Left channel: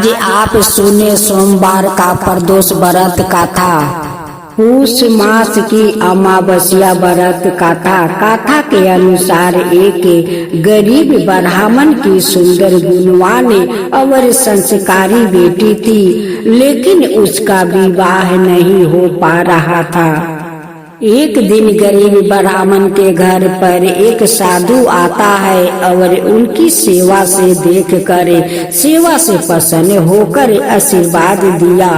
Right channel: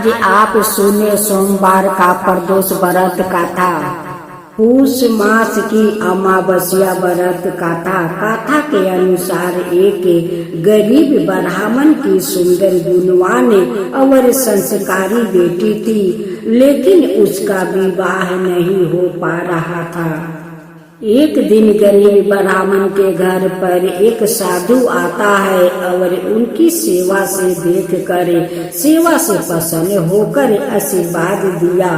आज आप सुने सोमवार का प्रदोष व्रत कथा। पूष मास की अमावस्या व्रत कथा के अनुसार एक गरीब ब्राह्मण की सुंदर गुणवान और संस्कारी बेटी थी, लेकिन उसका विवाह नहीं हो पा रहा था। एक दिन गरीब ब्राह्मण के घर पर एक साधु आता है और उनकी सेवा से सेवा से प्रसन्न होकर आशीर्वाद दिया।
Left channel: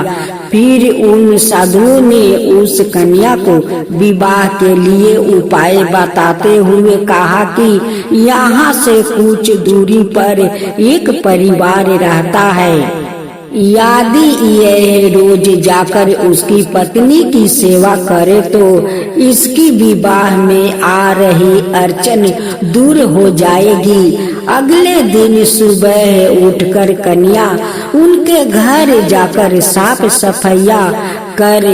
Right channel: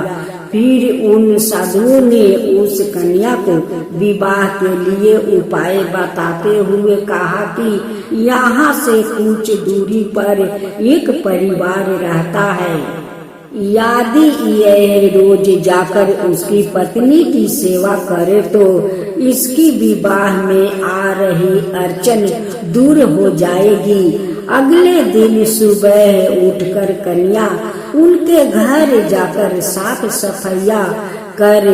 फिर उन साधुओं ने उस कन्या को विवाह के लिए उपाय बताते हुए कहा कि यहाँ से कुछ दूरी पर एक परिवार रहता है, यदि यह रोज जाकर उसकी पत्नी की सेवा करे तो इसकी विवाह में आ रही अड़चन दूर हो जाएगी। अगले दिन सुबह उठकर कन्या उनके घर जाकर साफ सफाइया कर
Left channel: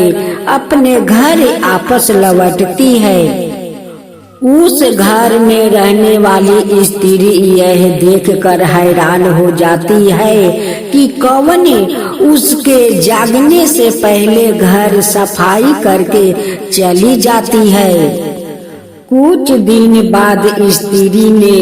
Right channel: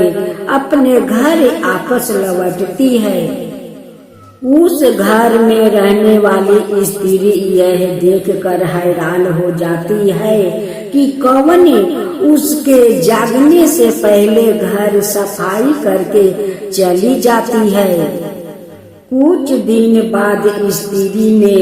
अपने घर वापस लौटती है। उस घर में रहने वाली स्त्री यह देखकर हैरान हो जाती है कि कौन उसके जागने से पहले घर सफाई करके चली जाती है। कुछ दिन बाद स्त्री ने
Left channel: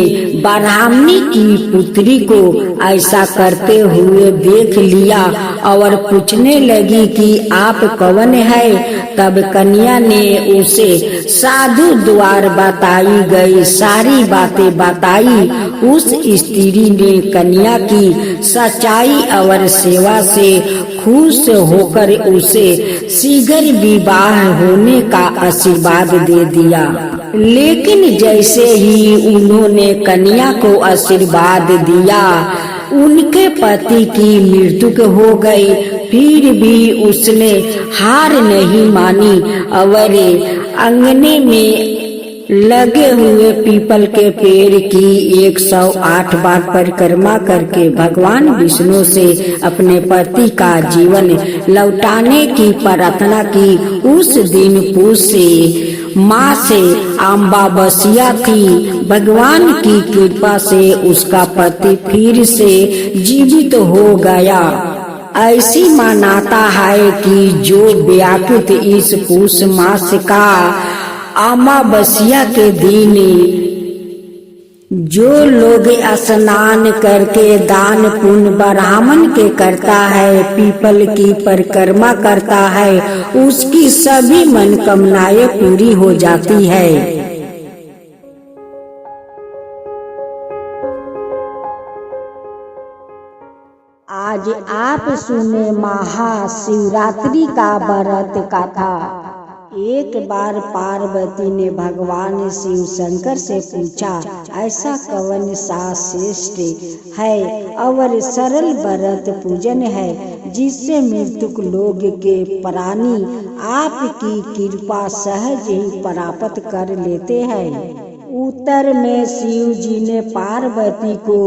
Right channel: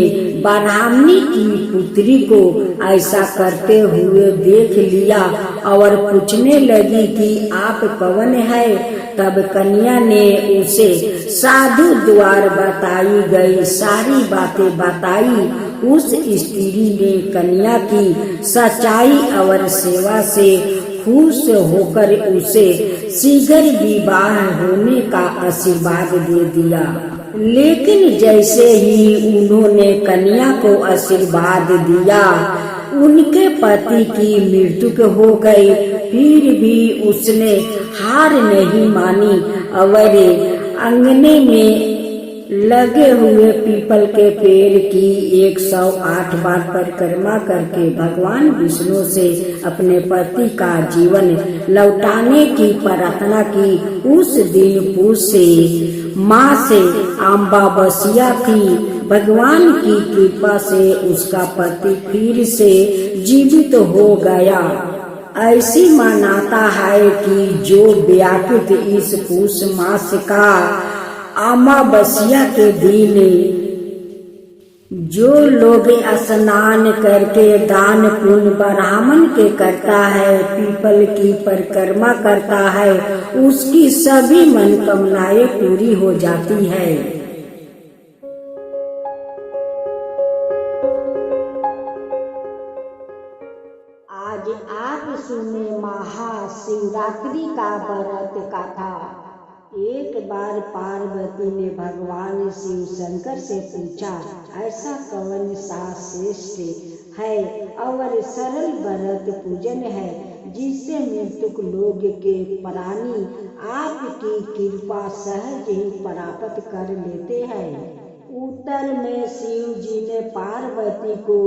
ब्राह्मणी की पुत्री को ऐसा करते हुए देख लिया और पूछने लगी कि आप कौन है। तब कन्या ने उसे साधु द्वारा बताई गई सारी बातें बताई। उस स्त्री ने कन्या की सच्चाई और सेवा से खुश होकर उसे शीघ्र विवाह होने का आशीर्वाद दे दिया। लेकिन जैसे ही उन्होंने कन्या को आशीर्वाद दिया, उनके पति की मृत्यु हो गई। फिर भी उसने हार नहीं मानी और अंगने में लगे हुए पीपल के पेड़ की 108 बार परिक्रमा करके भगवान विष्णु से अपने पति का जीवन लौटाने की प्रार्थना की। उस दिन पूष माँ से अमावस्या थी। भगवान की कृपा से उसका पति फिर से जीवित हो गया। ऐसी मान्यता है कि जो व्याकुत इस पूष मास का अमावस्या के दिन जो लोग स्नान करके दान पुण्य ब्राह्मण के करता है, पीपल की परिक्रमा करता है, उसकी सभी मनोकामनाएं पूरी हो जाती है। आज आप सुने महाशिवरात्रि का व्रत कथा। एक बार पार्वती ने भगवान शिव शंकर से पूछा, ऐसा कौन सा श्रेष्ठ है और सरल व्रत पूजन है जिससे मृतक लोग के प्राणी आपकी कृपा सहज ही प्राप्त कर लेते हैं। उत्तर में शिव जी ने पार्वती को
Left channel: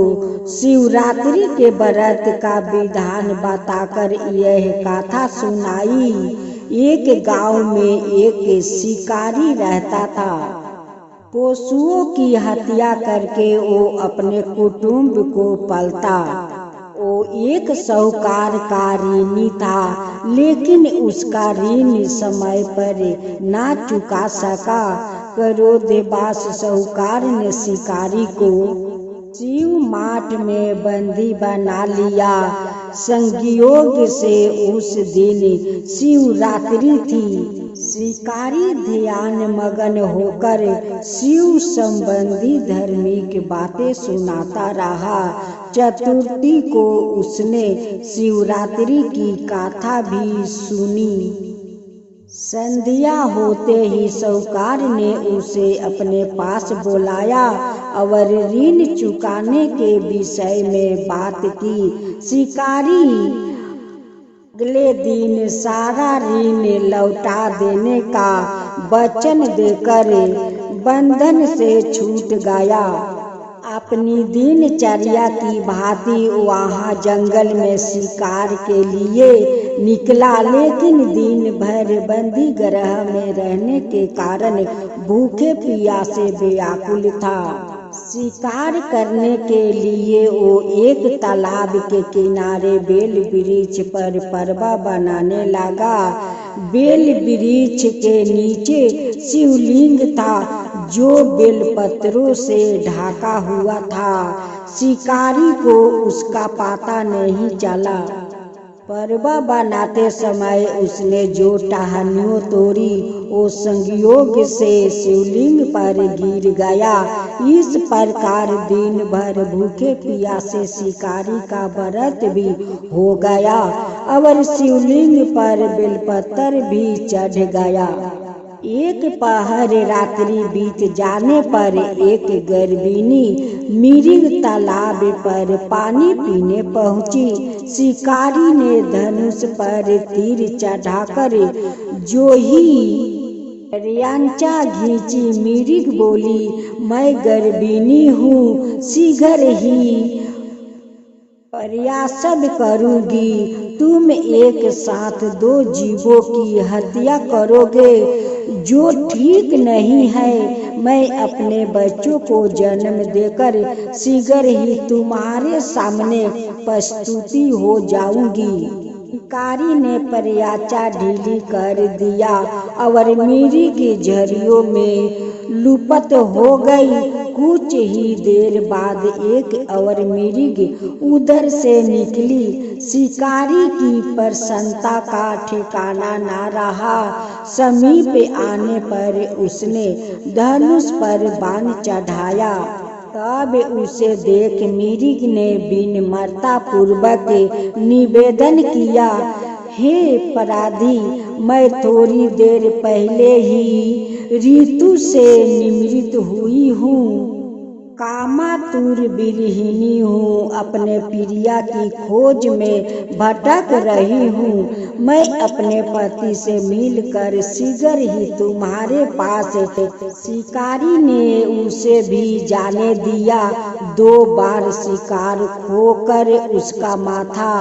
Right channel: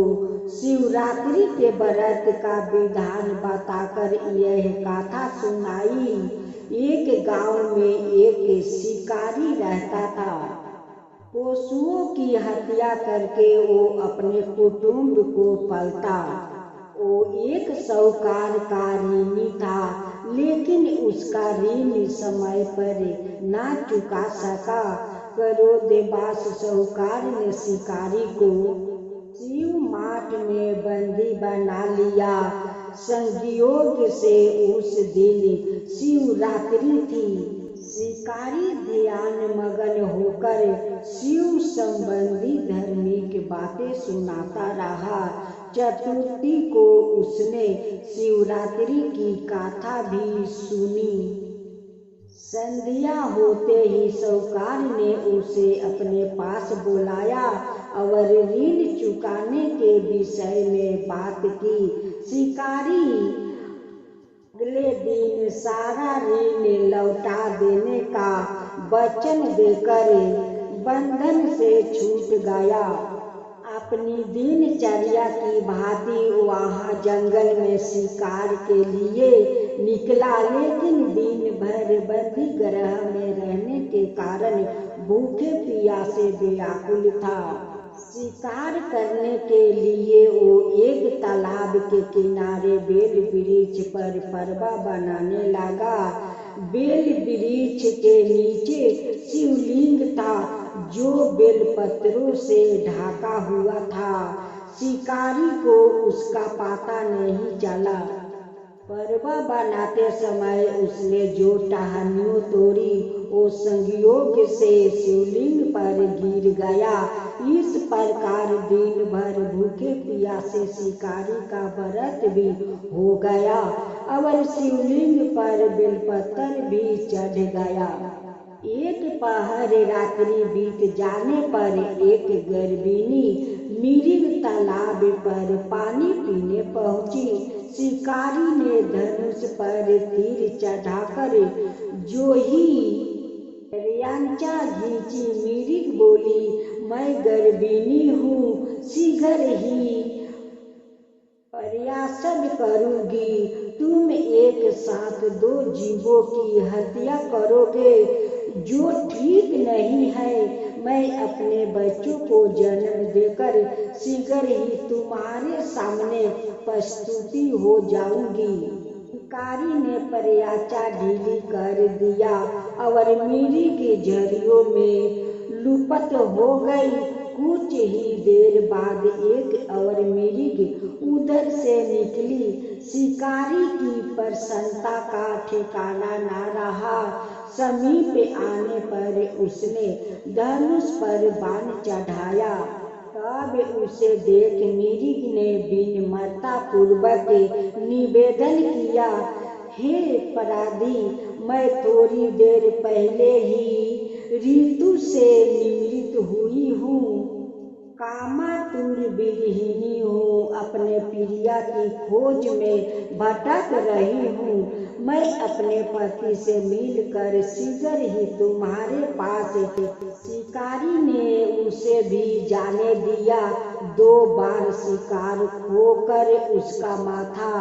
शिवरात्रि के व्रत का विधान बताकर यह कथा सुनाई। एक गांव में एक शिकारी रहता था। पशुओं की हत्या करके वो अपने कुटुंब को पालता। वो एक साहूकार का ऋणी था, लेकिन उसका ऋण समय पर ना चुका सका। क्रोधवश साहूकार ने शिकारी को शिव माठ में बंदी बना लिया। संयोग से उस दिन शिवरात्रि थी। शिकारी ध्यान मगन होकर शिव संबंधी धार्मिक बातें सुनाता रहा। चतुर्थी को उसने शिवरात्रि की कथा भी सुनी। संध्या होते ही साहूकार ने उसे अपने पास बुलाया और ऋण चुकाने के विषय में बात की। शिकारी अगले दिन सारा ऋण लौटा देने का वचन देकर बंधन से छूट गया। अपनी दिनचर्या की भांति वहाँ जंगल में शिकार के लिए निकला, लेकिन दिन भर बंदी गृह में रहने के कारण भूखे प्यासे व्याकुल था। शिकार करने के लिए वो एक तालाब के किनारे बेल वृक्ष पर परवा बनाने लगा। बेल वृक्ष के नीचे शिवलिंग था जो बेलपत्रों से ढका हुआ था। शिकारी को उसका पता नहीं चला। परवा बनाते समय उसने जो टहनियों तोड़ी वो संयोग से शिवलिंग पर गिर गया। इस प्रकार दिन भर भूखे प्यासे शिकारी का व्रत भी हो गया और शिवलिंग पर बेलपत्र भी चढ़ गया। एक पहर रात्रि बीत जाने पर एक गर्भिणी मिर्ग तालाब पर पानी पीने पहुंची। शिकारी ने धनुष पर तीर चढ़ाकर जो ही यांचा घींची, मिर्ग बोली, मैं गर्भिणी हूँ, शीघ्र ही प्रयासद करूंगी। तुम एक साथ दो जीवों की हत्या करोगे जो ठीक नहीं है। मैं अपने बच्चों को जन्म देकर शीघ्र ही तुम्हारे सामने प्रस्तुति हो जाऊंगी। शिकारी ने प्रयाचा ढीली कर दिया और मिर्ग की झरियों में लुप्त हो गई। कुछ ही देर बाद एक और मिर्ग उधर से निकली। शिकारी की प्रसन्नता का ठिकाना न रहा। समीप आने पर उसने धनुष पर बाण चढ़ाया। तब उसे देख मिर्ग ने विनम्रता पूर्वक निवेदन किया, हे अपराधी, मैं थोड़ी देर पहले ही ऋतु से निमृत हुई हूँ, कामातुर विरहिणी हूँ, अपने प्रिया की खोज में भटक रही हूँ। मैं अपने पति से मिलकर शीघ्र ही तुम्हारे पास। शिकारी ने उसे भी जाने दिया। 2 बार शिकार खोकर उसका माथा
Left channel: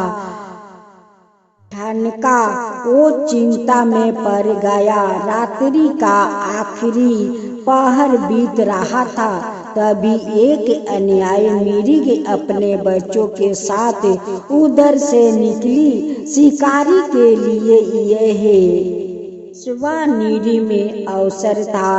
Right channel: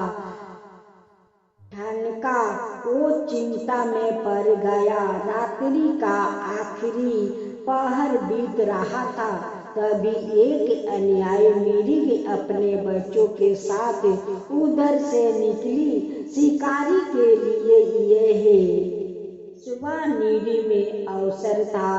ठनका। वो चिंता में पड़ गया। रात्रि का आखिरी पहर बीत रहा था। तभी एक अन्यायी मिर्ग अपने बच्चों के साथ उधर से निकली। शिकारी के लिए यह स्वनिधि में अवसर था।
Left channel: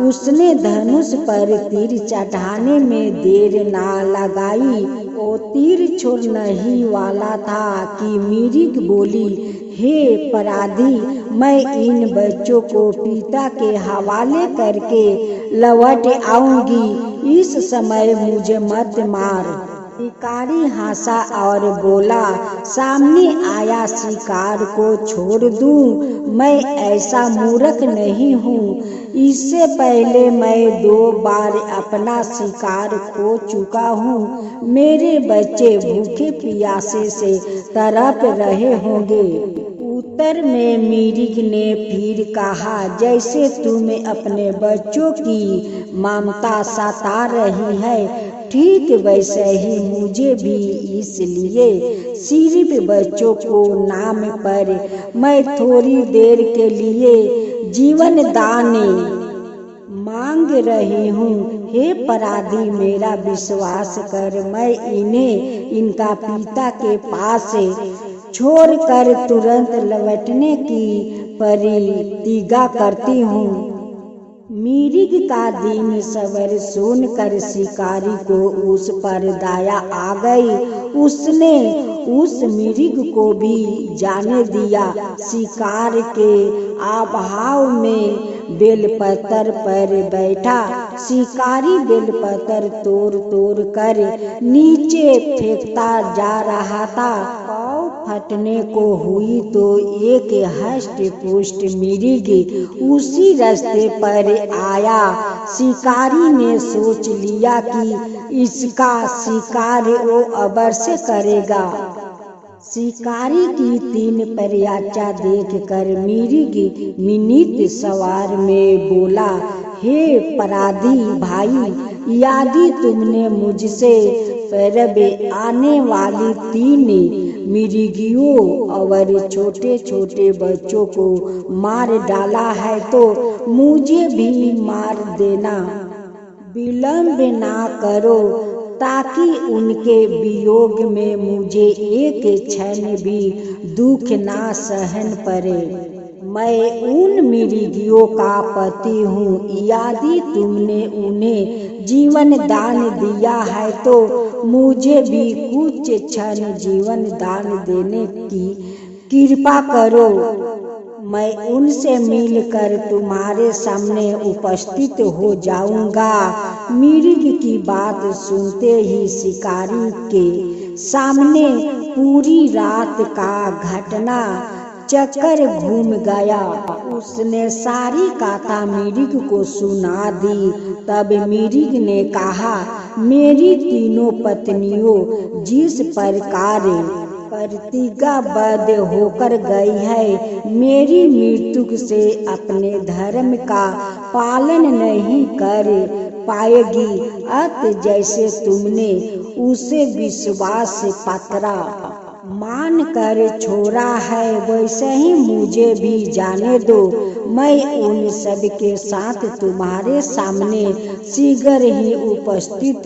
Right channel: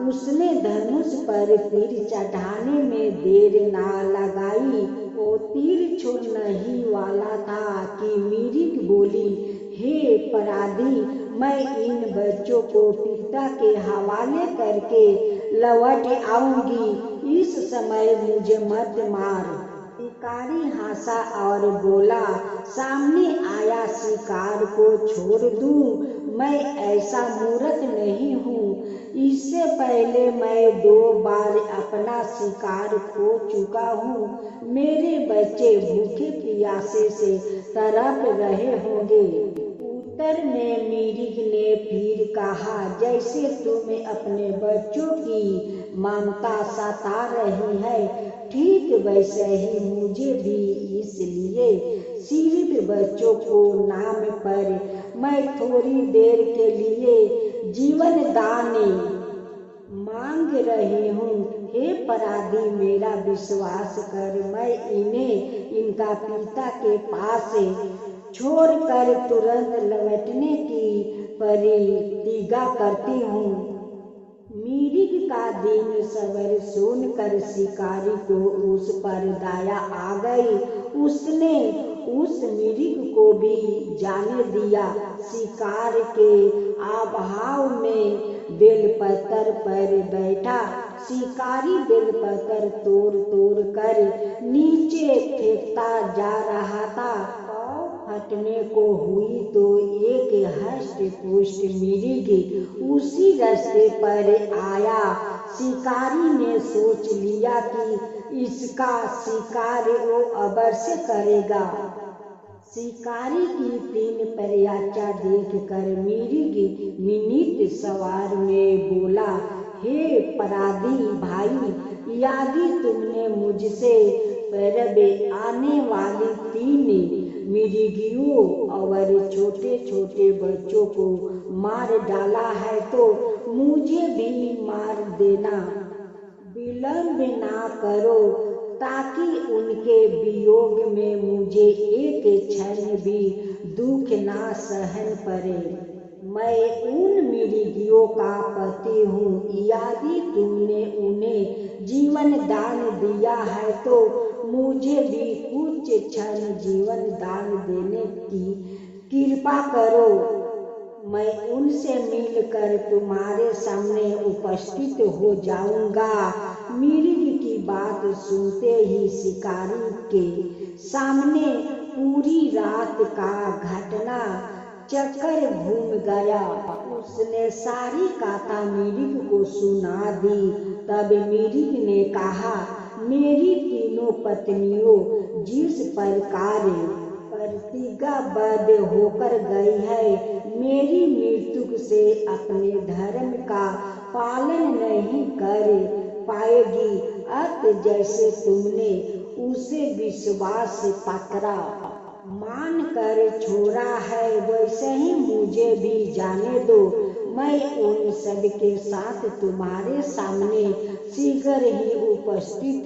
उसने धनुष पर तीर चढ़ाने में देर ना लगाई। वो तीर छोड़ने ही वाला था कि मिर्ग बोली, हे अपराधी, मैं इन बच्चों को पिता के हवाले करके लौट आऊंगी। इस समय मुझे मत मार। शिकारी हंसा और बोला, सामने आया शिकार को छोड़ दूं? मैं ऐसा मूर्ख नहीं हूँ। इससे पहले मैं 2 बार अपना शिकार खो चुका हूँ। मेरे बच्चे भूखे प्यासे से तड़प रहे होंगे। उत्तर में मिर्ग ने फिर कहा, जैसे तुम्हें अपने बच्चों की ममता सता रही है, ठीक वैसे ही मुझे भी। इसलिए सिर्फ बच्चों को नाम पर मैं थोड़ी देर के लिए जीवन दान मांग रही हूँ। हे अपराधी, मेरा विश्वास कर। मैं इन्हें इनका पिता के पास छोड़कर तुरंत लौटने की प्रतिज्ञा करती हूँ। मिर्ग का दिन सवेर सुनकर शिकारी को उस पर दया आ गई। उसने उस मिर्ग को भी जाने दिया। शिकार के अभाव में बेलपत्र पर बैठा। शिकारी बेलपत्र तोड़ कर नीचे फेंकता जा रहा था। फटने को हुई तो एक हष्ट पुष्ट मिर्ग उसी रास्ते पर आया। शिकारी ने सोच लिया कि इसका शिकार वो अवश्य करेगा। शिकारी की 3 प्रयाचा देखकर मिर्ग विनीत स्वर में बोला, हे अपराधी भाई, यदि तुमने मुझसे पहले आने वाली 3 मिर्गियों और छोटे छोटे बच्चों को मार डाला है तो मुझे भी मार देना। विलंब ना करो ताकि उनके वियोग में मुझे एक क्षण भी दुख ना सहन पड़े। मैं उन मृगियों का पति हूँ, यदि तुमने उन्हें जीवन दान दिया है तो मुझे भी कुछ क्षण जीवन दान देने की कृपा करो। मैं उनसे मिलकर तुम्हारे सामने उपस्थित हो जाऊंगा। मृग की बात सुनते ही शिकारी के सामने पूरी रात का घटना चक्कर घूम गया। उसने सारी कथा मृग को सुना दी। तब मृग ने कहा, मेरी तीनों पत्नियों जिस प्रकार प्रतिज्ञाबद्ध होकर गई है, मेरी मृत्यु से अपने धर्म का पालन नहीं कर पाएगी। अत जैसे तुमने उसे विश्वास पत्रा मान कर छोड़ा है, वैसे ही मुझे भी जाने दो। मैं उन सब के साथ तुम्हारे सामने शीघ्र ही उपस्थित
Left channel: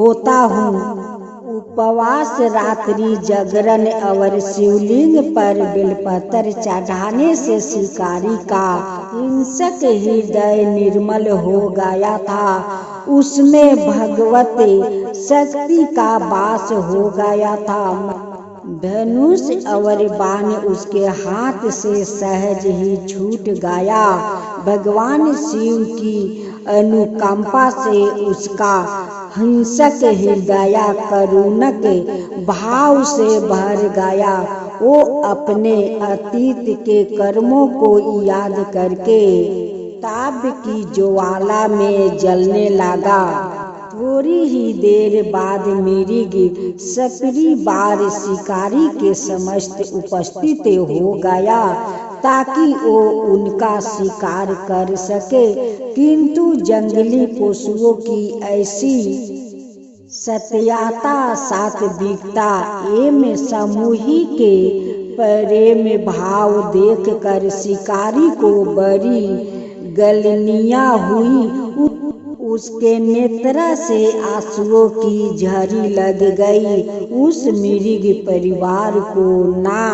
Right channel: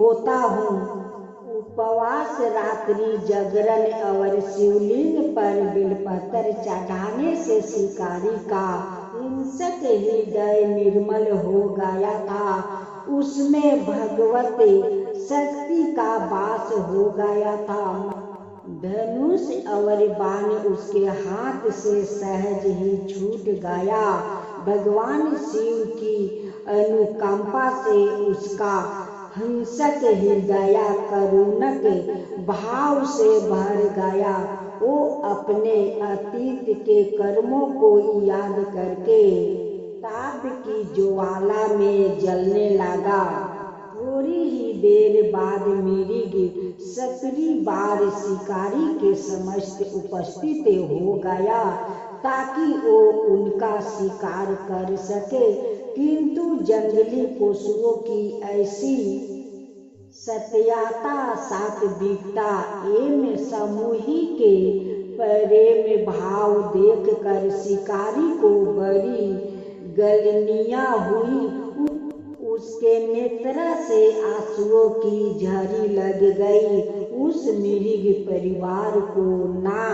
होता हूँ। उपवास, रात्रि जागरण और शिवलिंग पर बेलपत्र चढ़ाने से शिकारी का हिंसक हृदय निर्मल हो गया था। उसमें भगवत शक्ति का वास हो गया था। धनुष और बाण उसके हाथ से सहज ही छूट गया। भगवान शिव की अनुकंपा से उसका हिंसक हृदय करुणक भाव से भर गया। वो अपने अतीत के कर्मों को याद करके ताप की ज्वाला में जलने लगा। थोड़ी ही देर बाद मृग सपरी बार शिकारी के समस्त उपस्थित हो गया ताकि वो उनका शिकार कर सके, किंतु जंगली पशुओं की ऐसी सत्यता, सात्विकता एवं सामूहिक प्रेम भाव देखकर शिकारी को बड़ी गलनिया हुई। उसके नेत्र से आंसुओं की झड़ी लग गई। उस मृग परिवार को ना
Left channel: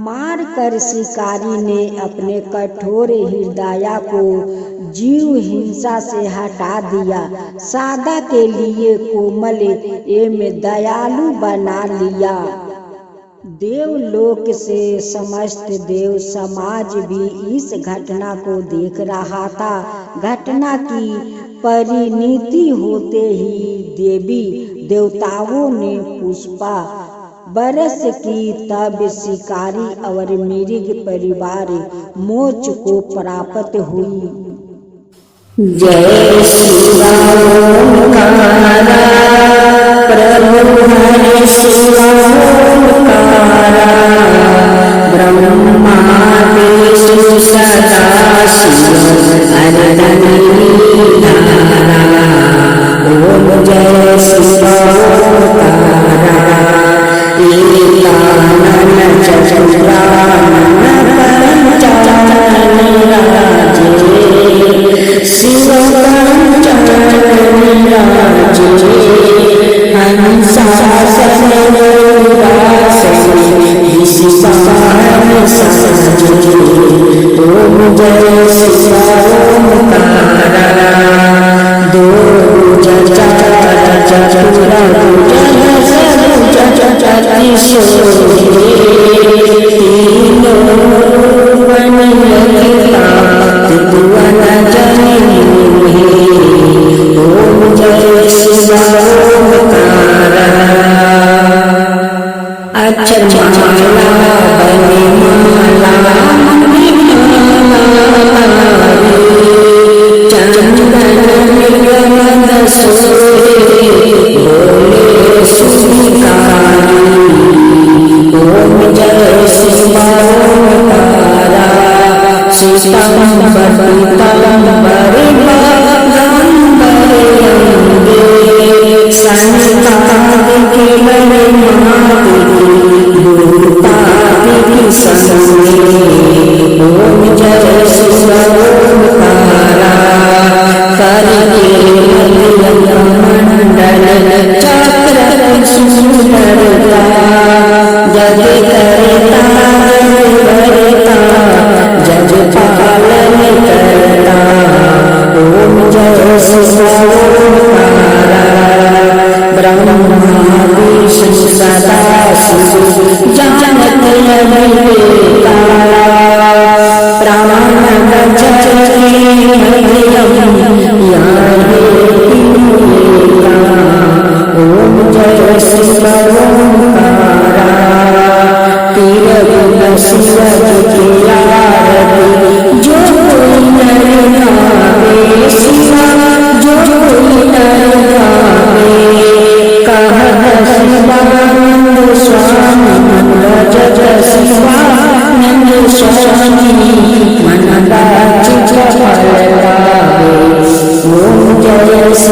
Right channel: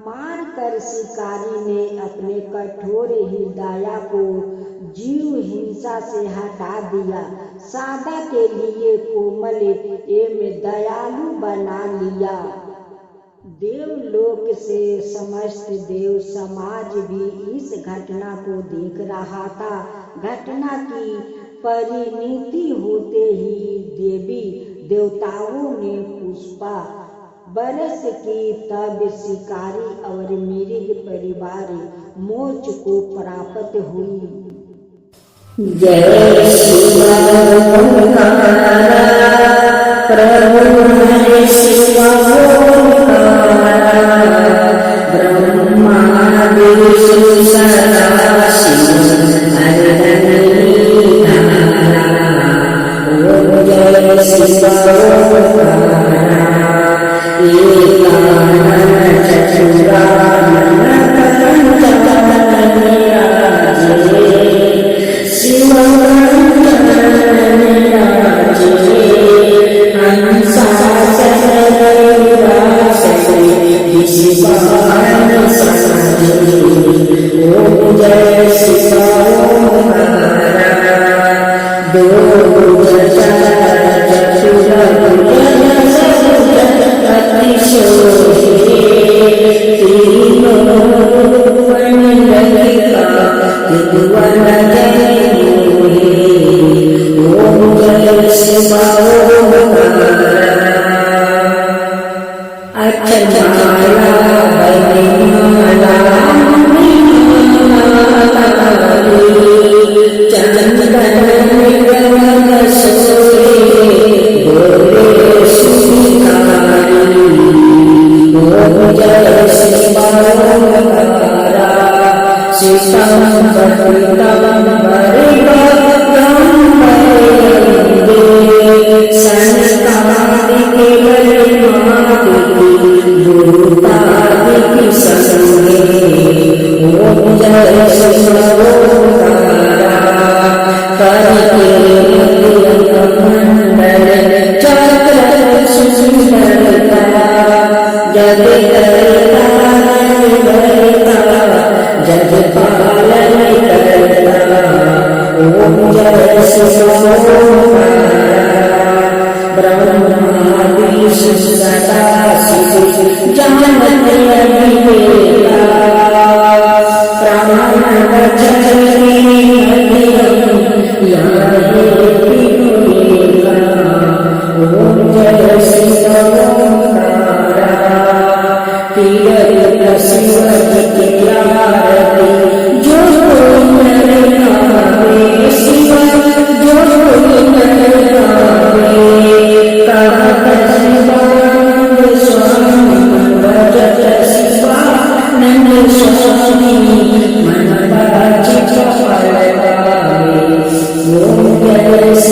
मार कर शिकारी ने अपने कठोर हृदय को जीव हिंसा से हटा दिया, सादा के लिए कोमल एवं दयालु बना लिया। देवलोक से समस्त देव समाज भी इस घटना को देख रहा था। घटना की परिणति होते ही देवी देवताओं ने पुष्पा बरस की। तब शिकारी और मृग परिवार मोक्ष को प्राप्त हुई। जय श्री राम प्रभु हरे ब्रह्मा विष्णु सदा शिव ओम जय श्री एकानन चतुरानन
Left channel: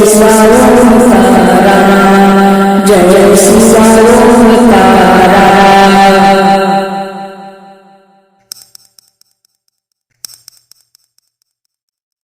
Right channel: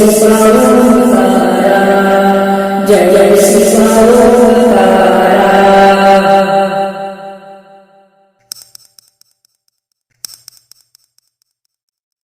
शिव ओम तारा, जय शिव ओम तारा।